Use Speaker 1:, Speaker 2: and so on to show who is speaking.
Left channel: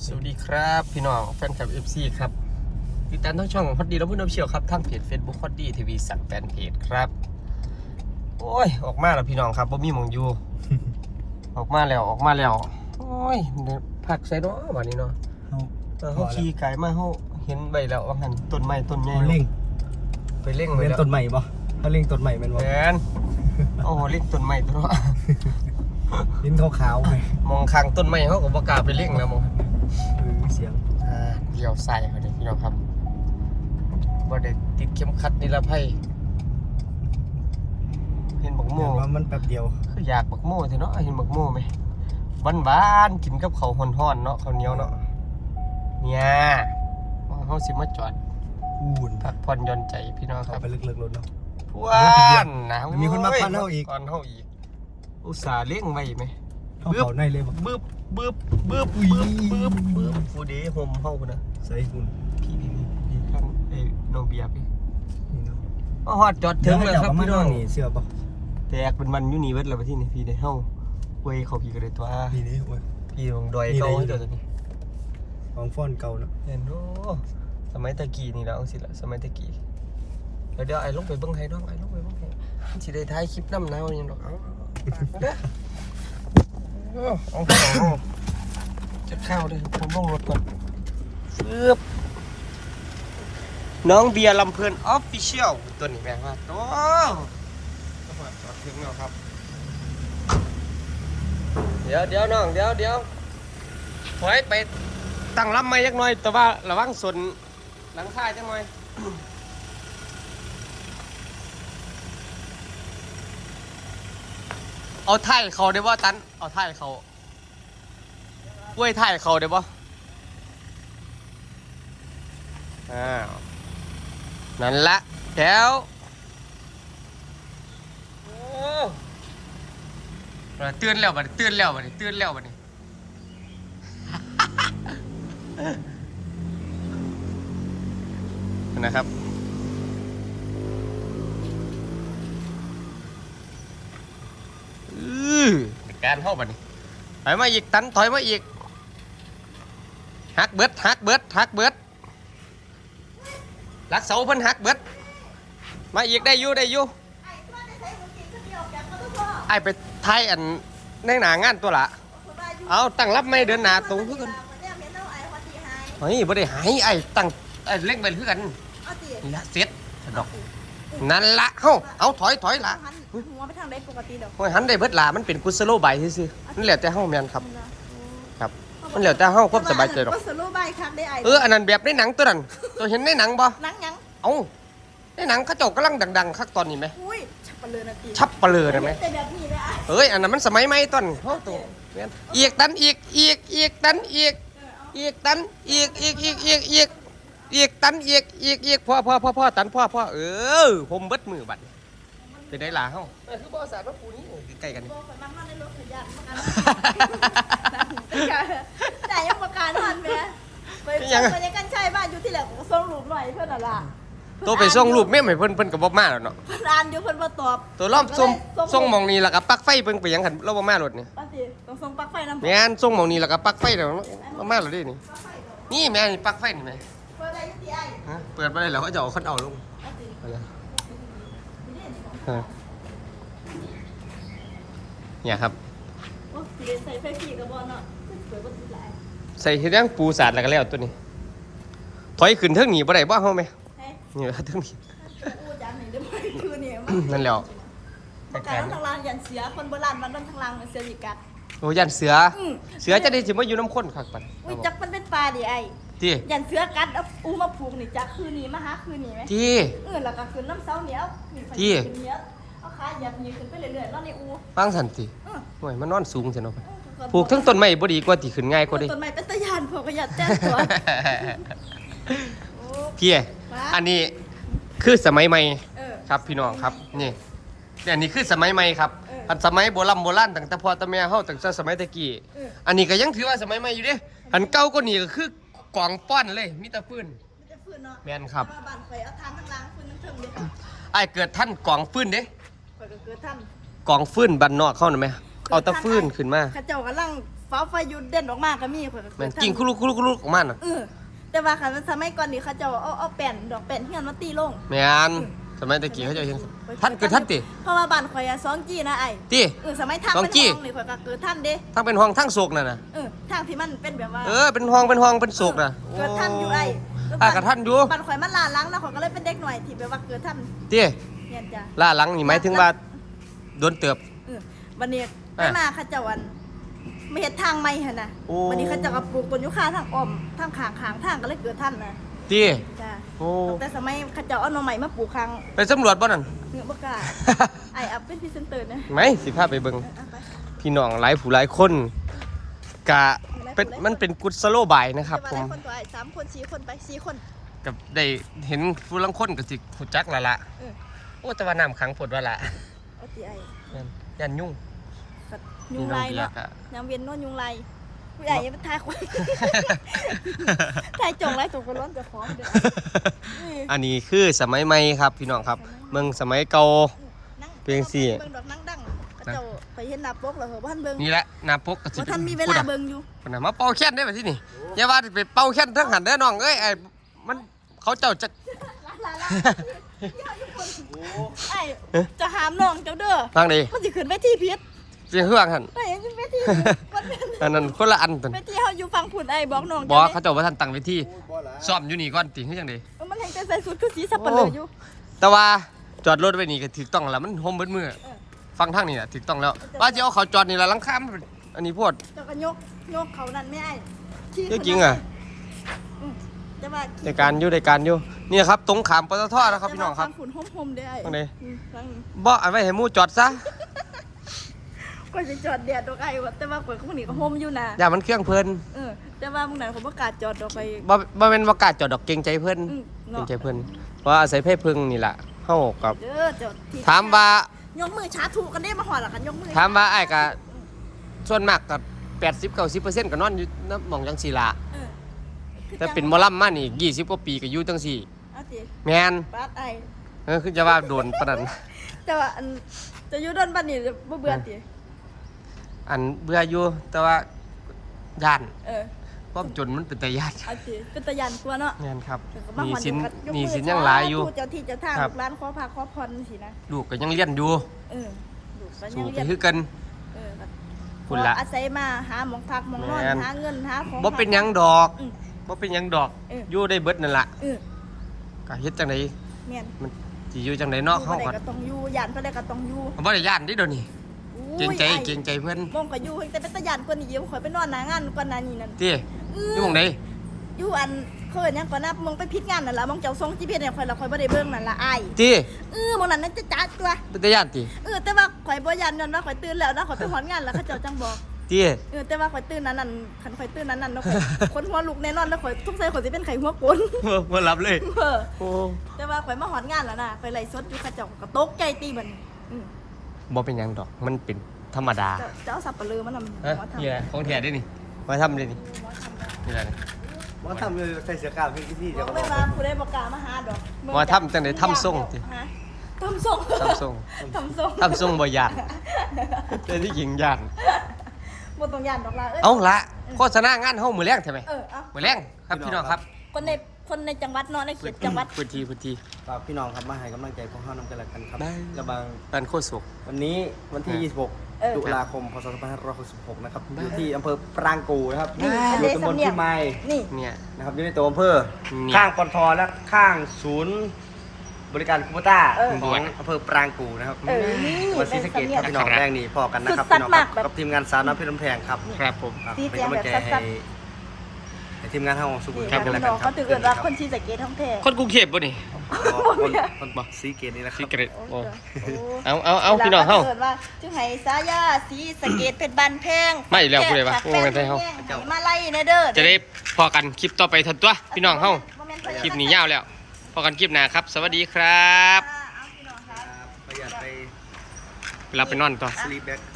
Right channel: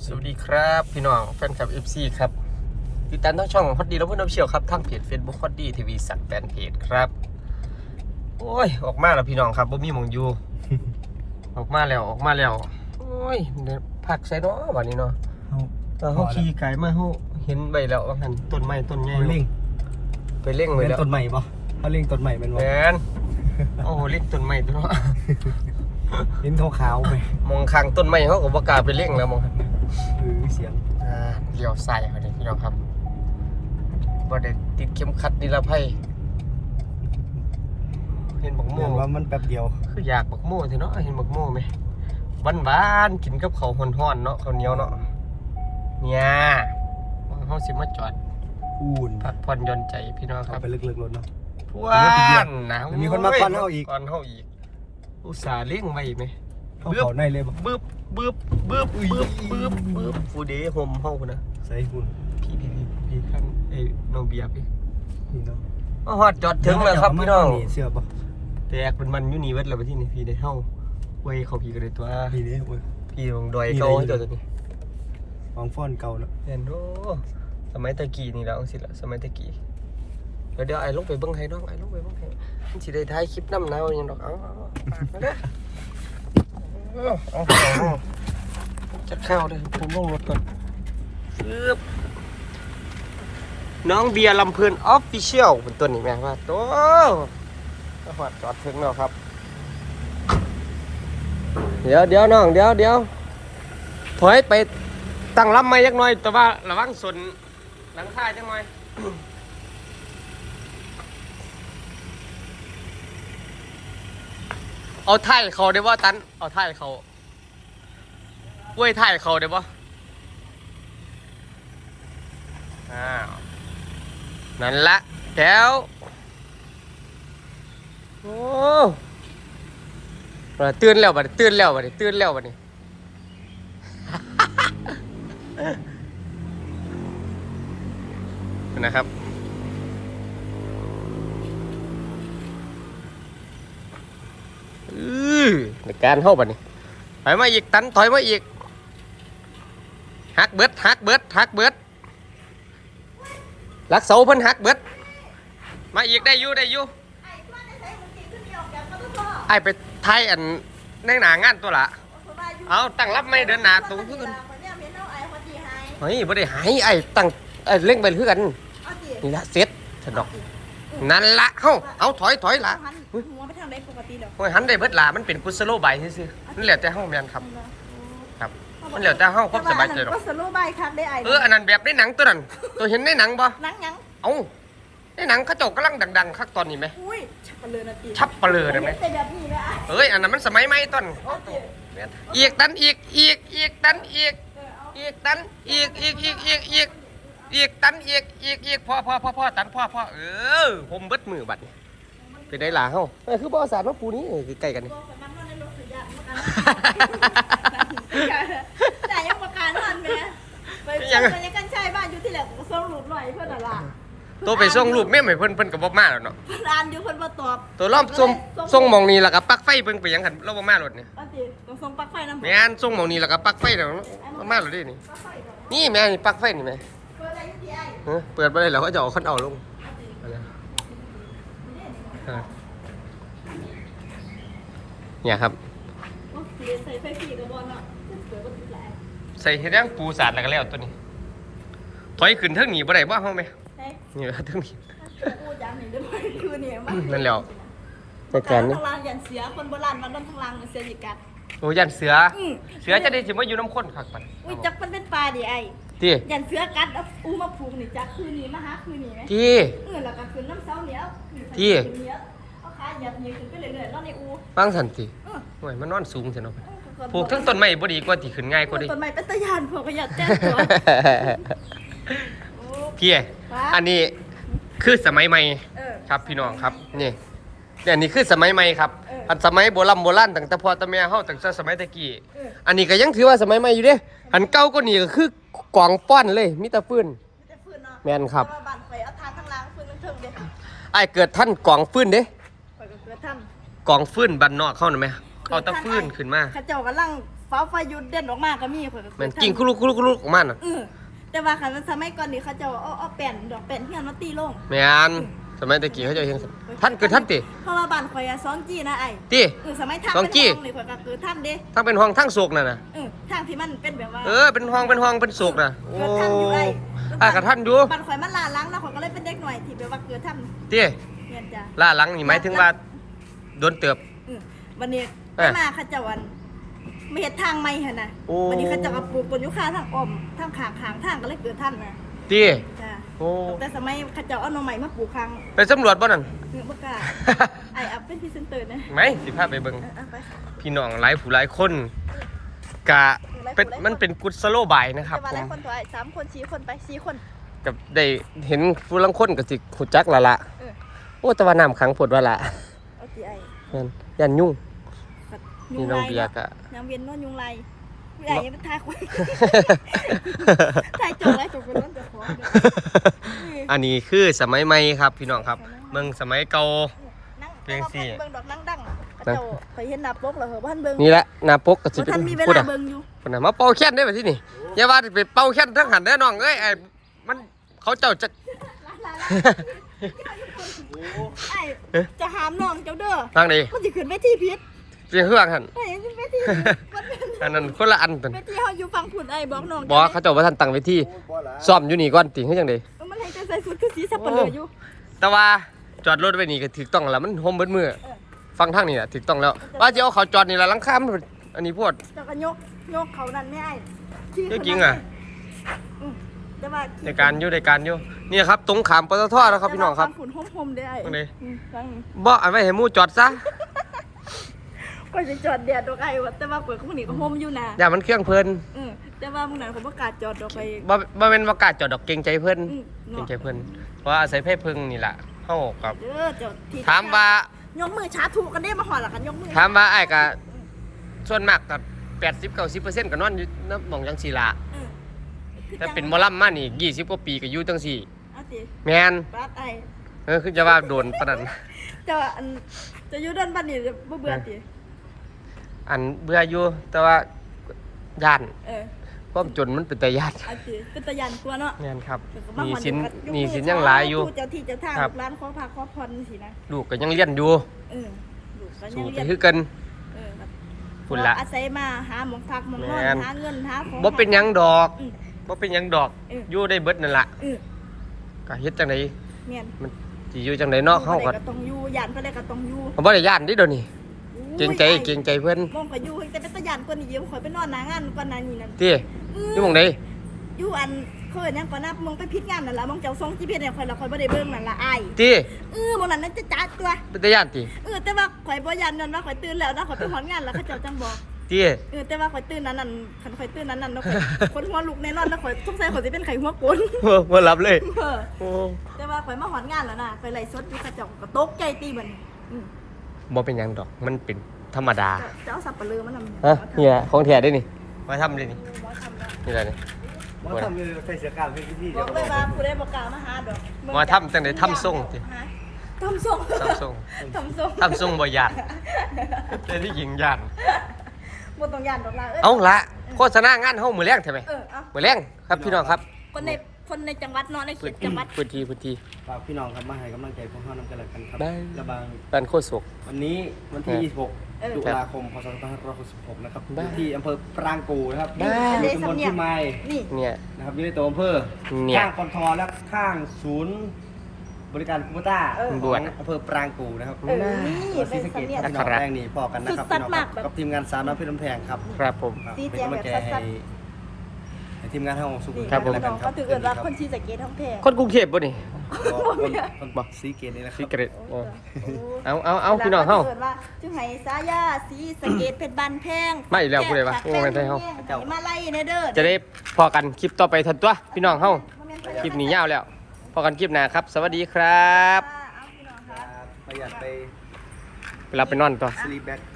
Speaker 1: สวัสดีครับพี่น้องแฟนคลับ FC ครับติดตามทั้งช่องฮอตดีแล้วเพื่อนน้ำเชี่ยวครับทั้งเพจ Facebook ฮอตดีทีวีสักแฟนเพจครับโอ้ยออกมาแล้วพี่น้องครับบ่มีหมองอยู่ ออกมาแล้วโอ้ยผักใส่เนาะวันนี้เนาะเขาขี่ไก่มาเขาเห็นใบแล้วว่าหันต้นไม้ต้นใหญ่
Speaker 2: เล่ง
Speaker 1: ไปเล่งไปแล้ว
Speaker 2: ต้นใหม่ปะเขาเล่งต้นใหม่เป็นวะ
Speaker 1: แมนโอ้โหเล่งต้นไม้ตัวเนาะ
Speaker 2: ลิ้นขาวๆไป
Speaker 1: มองข้างต้นไม้เขาก็บ่กล้าไปเล่งแล้วมอง
Speaker 2: เสียง
Speaker 1: เลี้ยวใส่เขาเลยพี่น้องครับบ่ได้ติดเข็มขัดนิรภัยเห็นบักโม่
Speaker 2: ว่ามันแป๊บเดียว
Speaker 1: คืออยากบักโม่สิเนาะเห็นบักโม่ไหมบ้านๆกินกับข้าวฮ้อนๆเนาะข้าวเหนียวเนาะเนี่ยเขาสิมาจอด
Speaker 2: อุ่น
Speaker 1: พักผ่อนหย่อนใจพี่น้องครับ
Speaker 2: ไปลึกๆรถเนาะ
Speaker 1: ทวนนะ
Speaker 2: มีคนมาก่อนเฮาอีก
Speaker 1: อุตส่าห์เลี้ยงไว้ไหม
Speaker 2: เขาในเลยบอก
Speaker 1: บึ๊บผู้เด๋ห่มเฮานะ
Speaker 2: ใส่คุณ
Speaker 1: พี่ท่านไอ้น้องเบียร์พี่
Speaker 2: นี่เนาะ
Speaker 1: ฮอดจอดถึงแล้วครับพี่น้อง
Speaker 2: เสื้อปะ
Speaker 1: แตกเป็นมันอยู่นี่เวทเลยไปที่นี่พี่ได้เฮาเว้ยเขาพี่ก็เลยตัว
Speaker 2: นี่เด้อุ้ย
Speaker 1: พี่ลงดอยเก่าให้ตัวนี้
Speaker 2: ของฟ้อนเก่าเนาะ
Speaker 1: เห็นโอ้สมัยตะกี้นี่แล้วสิละสมัยตะกี้เดี๋ยวไอ้ลงไปเบิ้งให้น้องไอ้ลงไปเบิ้งให้สิได้ถ่ายคลิปน้ำหนาวยังดอกเอาฝากมาเด้อเอาจะเข้าเลยผมลงรถก่อนน้องเบียร์ลำเพลินออฟฟิเชียลเป็นตัวนี้แม่ว่าโอ้จอดถึงแล้วครับเดี๋ยวน้องเดี๋ยวถอยไปตั้งลำไม่ยักหน่อยแต่ว่าระวังส่วนหลังคาจังหน่อยเอาท้ายเขาได้บ่ตันเอาท้ายเขากล้วยท้ายเขาได้บ่นั่นละแก้วโอ้ตื่นแล้วบัดนี้นะครับในการเข้าบัดนี้ถอยมาอีกตันถอยมาอีกหักเบิดลักเสาเพิ่นหักเบิดมาอีกได้อยู่ไอ้ไปไทยอันในหนางานตัวละเอาตั้งรับไม่เดินหนาตรงคือกันเฮ้ยบ่ได้หายไอ้ตั้งเล่งไปคือกันนี่ละเสร็จดอกนั่นละเอาถอยละ
Speaker 3: หัวไปทางใดปกติดอก
Speaker 1: โอ้ยหันได้เบิดละมันเป็นกุศโลบายซื่อๆมันแล้วแต่เฮาแม่นครับมันแล้วแต่เฮาความสบายใจดอก
Speaker 3: ก็สโลบายคักได้ไอ้
Speaker 1: อันนั้นแบบในหนังตัวนั้นเราเห็นในหนังบ่
Speaker 3: หนังยัง
Speaker 1: เอ้าในหนังเขาเจ้ากำลังดังๆคักตอนนี้ไหม
Speaker 3: อุ้ยชับปะเลยนะตี
Speaker 1: ชับปะเลยได้ไหม
Speaker 3: เป็นแบบนี้เลยไอ้
Speaker 1: อันนั้นมันสมัยใหม่ต้นอีกตันอีกตันอีกตันอีกพ่อตันพ่อผมเบิดมือบัดเป็นได้หลาเฮาคือบ่สารว่าปูนี้คือใกล้กันนี่
Speaker 3: บอกกับมันว่าในรถขยะมากันแต่ยังประกันทันไหมไปยังกันใช่บ้านอยู่ที่แหลกส่งรูปหน่อยเพื่อนอะไร
Speaker 1: ตัวไปส่งรูปแม่ให้เพิ่นก็บ่มาแล้วเนาะ
Speaker 3: เพื่อนอ่านเดี๋ยวเพื่อนมาตอบ
Speaker 1: ตัวรอบส่งมองนี้แล้วก็ปลั๊กไฟเพิ่นไปยังหันเราบ่มารถนี่
Speaker 3: ป้าตีต้องส่งปลั๊กไฟน้ำ
Speaker 1: แม่นส่งมองนี้แล้วก็ปลั๊กไฟแล้วบ่มาแล้วดินี่แม่นี่ปลั๊กไฟนี่แม่
Speaker 3: เปิดอะไรอยู่ที่ไอ้
Speaker 1: เปิดบ่ได้แล้วเขาจะเอาคันเอาลงเนี่ยครับ
Speaker 3: โอ้ใส่ไฟผีกับบอลเนาะเปิดประตูหลาย
Speaker 1: ใส่เฮ็ดยังปูสาดแล้วก็แล้วตัวนี้ถอยขึ้นเทิงหนีบ่ได้บ่เฮาไหมนี่เทิงนี้
Speaker 3: กูจะเห็นได้ไหมคือเนี่ย
Speaker 1: นั่นแล้วแต่การนี่
Speaker 3: ทางล่างยันเสียคนโบราณมันโดนทางล่างเสียอีกกัด
Speaker 1: โอ้ยันเสือจะได้สิมาอยู่น้ำข้นคักปัด
Speaker 3: อุ้ยจักมันเป็นปลาดิไอ้
Speaker 1: ที่
Speaker 3: ยันเสือกัดเอาอูมาผูกนี่จักคืนนี้มาหาคืนนี้ไหม
Speaker 1: ที่
Speaker 3: แล้วก็คืนน้ำเสาเหนียวเอาขาหยับยืนขึ้นไปเรื่อยๆนอนในอู
Speaker 1: ฟังสันติโอ้ยมันนอนสูงจังเนาะปลูกทั้งต้นไม้บ่ดีกว่าที่ขึ้นง่ายกว่าดิ
Speaker 3: ต้นไม้เป็นตะยานพวกก็หยัดแจ้งตัว
Speaker 1: พี่อันนี้คือสมัยใหม่ครับพี่น้องครับนี่อันนี้คือสมัยใหม่ครับอันสมัยโบราณตั้งแต่พ่อตั้งแม่เฮาตั้งแต่สมัยตะกี้อันนี้ก็ยังถือว่าสมัยใหม่อยู่เด้อันเก่าก็นี่ก็คือกองฟ้อนเลยมีแต่ฟืนแม่นครับไอ้เกิดท่านกองฟืนเด้กองฟืนบ้านนอกเข้าน่ะแม่เอาตะฟืนขึ้นมา
Speaker 3: ข้าเจ้ากำลังไฟฟ้าไฟยุดเด่นออกมาก็มีข่อยก็
Speaker 1: แม่นกิ่งคุลุกคุลุกคุลุกออกมาน่ะ
Speaker 3: แต่ว่าคันสมัยก่อนนี่เขาจะเอาแป้นดอกแป้นเฮียนมาตีลง
Speaker 1: แม่นสมัยตะกี้เขาจะเห็นท่านเกิดท่านติ
Speaker 3: เพราะว่าบ้านข่อยอะ2G นะไอ้
Speaker 1: ติ
Speaker 3: สมัยทางเป็นห้องนี่ข่อยก็เกิดท่านเด้
Speaker 1: ทั้งเป็นห้องทั้งโศกน่ะนะ
Speaker 3: ทางที่มันเป็นแบบว่า
Speaker 1: เป็นห้องเป็นโศกน่ะ
Speaker 3: เกิดท่านอยู่ไอ้
Speaker 1: กับท่านอยู่
Speaker 3: บ้านข่อยมันลาล้างแล้วข่อยก็เลยเป็นเด็กหน่อยที่แบบว่าเกิดท่าน
Speaker 1: ติ
Speaker 3: เนี่ยจ้ะ
Speaker 1: ล่าหลังนี่หมายถึงว่าโดนเติบ
Speaker 3: วันนี้ไปมาเขาเจ้าวันไม่เห็นทางไม่หั่นน่ะ
Speaker 1: โอ้
Speaker 3: วันนี้เขาเจ้าก็ปลูกต้นยูคาทางอ้อมทางข้างทางก็เลยเกิดท่านนะ
Speaker 1: ติ
Speaker 3: จ้ะ
Speaker 1: โอ้
Speaker 3: ตั้งแต่สมัยเขาเจ้าเอาหน่อไม้มาปลูกข้าง
Speaker 1: ไปสำรวจบ่นั่น
Speaker 3: เงือกบ่กล้าไอ้อัพเป็นพรีเซนเตอร์นะ
Speaker 1: ไหมสิพาไปเบิ่ง
Speaker 3: เอาไป
Speaker 1: พี่น้องหลายผู้หลายคนกะเป็นมันเป็นกุศโลบายนะครับผม
Speaker 3: แต่ว่าหลายคนกว่า3 คน 4 คนไป4 คน
Speaker 1: กับได้เห็นผู้ลังคนก็สิหูจักและละโอ้แต่ว่าน้ำขังปวดว่าละ
Speaker 3: โอเคไอ้
Speaker 1: แม่นยันยุ่ง
Speaker 3: ก็ยุงลาย
Speaker 1: มีน้องเบีย
Speaker 3: เนาะ
Speaker 1: ร์กะ
Speaker 3: ยามเวียนเนอนยุงลายผู้ใหญ่ยังไปทายคนทายจงไรจงก็ร้อนจะฟ้องเด้อ
Speaker 1: อันนี้คือสมัยใหม่ครับพี่น้องครับเมืองสมัยเก่า
Speaker 3: นั่ง
Speaker 1: เพียงสี่
Speaker 3: เบิ่งดอกนั่งดังกระโจเคยเห็นหน้าปกเหรอเหรอบ้านเบิ่ง
Speaker 1: นี่แหละหน้าปกก็สิ
Speaker 3: ว่า
Speaker 1: เป็น
Speaker 3: ท่านมีเว
Speaker 1: พูด
Speaker 3: ลา
Speaker 1: อะ
Speaker 3: เบิ่งอยู่
Speaker 1: พูดอะมาเป่าแค้นได้แบบที่นี่อย่าว่าไปเป่าแค้นทั้งหันเด้อน้องเอ้ยไอ้มันเขาเจ้าจะ
Speaker 3: ไอ้จะหามน้องเจ้าเด้อ
Speaker 1: ทางดี
Speaker 3: มันจะขึ้นไปที่พิษ
Speaker 1: เสียงเครื่องหัน
Speaker 3: ไอ้ยังขึ้นไปที่วันนั้น
Speaker 1: อันนั้นคนละอันตัน
Speaker 3: ไปที่เขาอยู่ฟังผุนไอ้บอกน้อง
Speaker 1: บอกเขาเจ้าว่าท่านตั้งไว้ที่
Speaker 2: โอ้ยบ่ละ
Speaker 1: ซ่อมอยู่นี่ก่อนติให้จังได๋
Speaker 3: มันให้แต่ใส่สุดคือสีสับปะเลยอยู่
Speaker 1: แต่ว่าจอดรถไว้นี่ก็ถูกต้องแล้วมันโฮมเบิดมือฟังทางนี่แหละถูกต้องแล้วว่าจะเอาเขาจอดนี่ละหลังคามันเป็นอันนี้พวด
Speaker 3: เจ้าก็ยกเขานั่นไม่ไอ้
Speaker 1: เรื่องจริงอะ
Speaker 3: แต่ว่า
Speaker 1: ในการอยู่นี่ครับตรงขามปตทนะครับพี่น้องครับ
Speaker 3: ฟังผุนโฮมได้ไอ้
Speaker 1: ตรงไหน
Speaker 3: ฟัง
Speaker 1: บ่เอาไว้ให้หมู่จอดซะ
Speaker 3: ก็จะจอดแดดดอกไอ้วะแต่ว่าเปิดข้างนี้ก็โฮมอยู่นะ
Speaker 1: อย่ามันเครื่องเพิ่น
Speaker 3: แต่ว่ามึงนั้นผมประกล้าศจอดดอกไป
Speaker 1: บ่แม่นว่ากล้าจอดดอกเกรงใจเพิ่น เกร
Speaker 3: เนาะ
Speaker 1: งใจเพิ่นเพราะว่าอาศัยเพศพึ่งนี่ล่ะเฮากับ
Speaker 3: เด้อเจ้าที่
Speaker 1: ถามว่าย
Speaker 3: กมือช้าถูกกันได้มาหอดหรอกันยกมือ
Speaker 1: ถามว่าอ้ายก็ส่วนมากก็80-90%ก็นอนอยู่น้ำหม่องจังซี่ล่ะ
Speaker 3: เออ
Speaker 1: แต่เป็นหมอลำมานี่20กว่าปีก็อยู่จังซี่
Speaker 3: เอาติ
Speaker 1: แม่น
Speaker 3: ปัดไอ้
Speaker 1: คือจะว่าโดนปานนั้น
Speaker 3: แต่ว่าอันจะอยู่ด้านบ้านนี่บ่เบื่อติ
Speaker 1: อันเบื่ออยู่แต่ว่าย่าน
Speaker 3: เออ
Speaker 1: ความจนมันเป็นแต่ย่าน
Speaker 3: เอาติเป็นตะยันกลัวเนาะ
Speaker 1: งานครับ
Speaker 3: เดี๋ยวก็
Speaker 1: ห
Speaker 3: มา
Speaker 1: นี
Speaker 3: หอด
Speaker 1: สิน
Speaker 3: ยก
Speaker 1: หนี
Speaker 3: มือ
Speaker 1: สินยังหลายอยู่
Speaker 3: สธุเจ้าที่เจ้าทาง
Speaker 1: ครับ
Speaker 3: ลูกหลานขอพาขอพรสินะ
Speaker 1: ลูกก็ยังเรียนอยู่
Speaker 3: เออลูกก็ยั
Speaker 1: สู่
Speaker 3: ง
Speaker 1: ไป
Speaker 3: เรียน
Speaker 1: คือกัน
Speaker 3: เออครับ
Speaker 1: คุณละ
Speaker 3: อาศัยมาหาหมองพักหมองนอน
Speaker 1: แม่น
Speaker 3: หาเงินหาของ
Speaker 1: บ่เป็นหยังดอก
Speaker 3: อืม
Speaker 1: บ่เป็นหยังดอก
Speaker 3: เออ
Speaker 1: อยู่ได้เบิดนั่นล่ะ
Speaker 3: เออ
Speaker 1: ก็เฮ็ดจังได
Speaker 3: แม่น
Speaker 1: มันสิอยู่จังไดเนาะเฮา
Speaker 3: ก็
Speaker 1: ก็
Speaker 3: ต้องอยู่ย่านก็ได้ก็ต้องอยู่
Speaker 1: บ่ได้ย่านเดิเดี๋ยวนี้
Speaker 3: อุ้ย
Speaker 1: เกรงใจ
Speaker 3: ไอ้
Speaker 1: เกรงใจเพิ่น
Speaker 3: มองก็อยู่แต่เป็นตะยันกว่านี้เดี๋ยวข่อยไปนอนหน้างานกว่านั้นนี่นั่น
Speaker 1: ติอยู่หม่องใด
Speaker 3: อยู่อันเขาเอิ้นหยังก่อนนะมองไปพิดงานนั่นล่ะมองเจ้าส่ง GPS ให้ข่อยแล้วข่อยบ่ได้เบิ่งนั่นล่ะอ้าย
Speaker 1: ติ
Speaker 3: มองนั้นนั่นจะจัดตัว
Speaker 1: เป็นแต่ย่านติ
Speaker 3: แต่ว่าข่อยบ่ยันนั่นว่าข่อยตื่นแล้วนะข่อยไปฮอดงานแล้วเขาเจ้าจังบอก
Speaker 1: ติ
Speaker 3: แต่ว่าข่อยตื่นนั้นนั่นคันข่อยตื่นนั้นนั่นเนาะข่อย คนหัวลุกแน่นอนแล้วข่อยสงสัยข่อยสิเป็นไข้หัวโกน
Speaker 1: บ่รับเลย
Speaker 3: เออ
Speaker 1: โอ้
Speaker 3: แต่ว่าข่อยมาฮอดงานแล้วนะข่อยไล่สดอยู่เขาเจ้าก็ตกใจตีเหมือนอือ
Speaker 1: บ่เป็นหยังดอกมันเป็นธรรมดา
Speaker 3: เจ้าสับปะลือมันนำ
Speaker 1: ฮะเนี่ยของแท้ได้นี่มาทำดินี่นี่แหละนี่
Speaker 2: ว่าทำเลยใส่เสื้อกล้ามให้พี่ๆ
Speaker 3: บ
Speaker 2: เดี๋
Speaker 3: อย ก
Speaker 2: วก็
Speaker 3: ไป
Speaker 2: บอก
Speaker 3: มากูได้บอกกล่าวมาหาดอก
Speaker 1: ว่าทำจังได๋ทำทรงติ
Speaker 3: ฮะทำส่ง
Speaker 1: ทำทรง
Speaker 3: ทำส่ง
Speaker 1: ทำทรงบ่ย่านเป็นที่หญิงย่าน
Speaker 3: บ่ต้องยันดอกล่ะ
Speaker 1: เอาละโฆษณางานเฮามื้อแรงใช่ไหม
Speaker 3: เอา
Speaker 1: มื้อแรงครับพี่น้องครับ
Speaker 3: คนในจังหวัดเนาะในเข
Speaker 1: พื้น
Speaker 3: ต
Speaker 1: ที่
Speaker 3: จังหวัด
Speaker 1: พื้นที่พื้นที่
Speaker 2: ฝากพี่น้องครับมาให้กำลังใจพวกเฮานำกันแล้วกันครับ
Speaker 1: ได้
Speaker 2: กระบัง
Speaker 1: บ้านโคศก
Speaker 2: วันนี้วันที่
Speaker 1: เออ
Speaker 2: 26 ตุลาคม พศ 2566 นะครับ
Speaker 1: ได้
Speaker 2: อยู่ที่อำเภอปรางกูนะครับ
Speaker 1: ได้
Speaker 2: อยู่ตำบลที่ไม้
Speaker 3: นี่
Speaker 1: เนี่ย
Speaker 2: นะครับอยู่ในตัวอำเภอ
Speaker 1: เนี่ย
Speaker 2: ข้างปตทและข้างศูนย์บริการคูปต้า
Speaker 1: บ
Speaker 2: ข
Speaker 1: ว
Speaker 2: อ
Speaker 1: ช
Speaker 2: งอำเภอปรางกูนะครับ
Speaker 3: เออ
Speaker 2: จังหวัดศรีสะเกษครับพี่น้อง
Speaker 1: ครับ
Speaker 2: แรงนี่พอกันนะครับพี่น้องครับกับทีมงานสาวน้ำเพชรลำแพงครับ
Speaker 1: ครับผม
Speaker 2: ครับเป็นกำลังใจให้ทีมงานเฮาสุข
Speaker 1: ครับผม
Speaker 2: แล้วกันครับ
Speaker 3: เขาถือ
Speaker 2: คืน
Speaker 3: ว่า
Speaker 2: นี้ครับ
Speaker 3: คนชีสะเกตทั้งแท้
Speaker 1: คนกรุงเทพบ่นี่
Speaker 2: คนสีเกตนี่แหละค
Speaker 1: ซี
Speaker 2: รับ
Speaker 1: เกรตโอ้เอาพี่น้องเฮา
Speaker 3: จึงให้สายาสีสะเกตเป็นบันแพง
Speaker 1: มาอีกแล้วผู้ใดวะโอ้แม่นไทยเฮา
Speaker 3: ให้มาไล่เนเด้อ
Speaker 1: จะได้พอกันคลิปต่อไปทันตัวพี่น้องเฮาคลิปนี้ยาวแล้วพอกันคลิปหน้าครับ สวัสดีครับ
Speaker 3: เอาพี่น้องครับ
Speaker 2: ประหยัดไป
Speaker 1: ไปรับไปนอนต่อ
Speaker 2: สลีปแบ็ค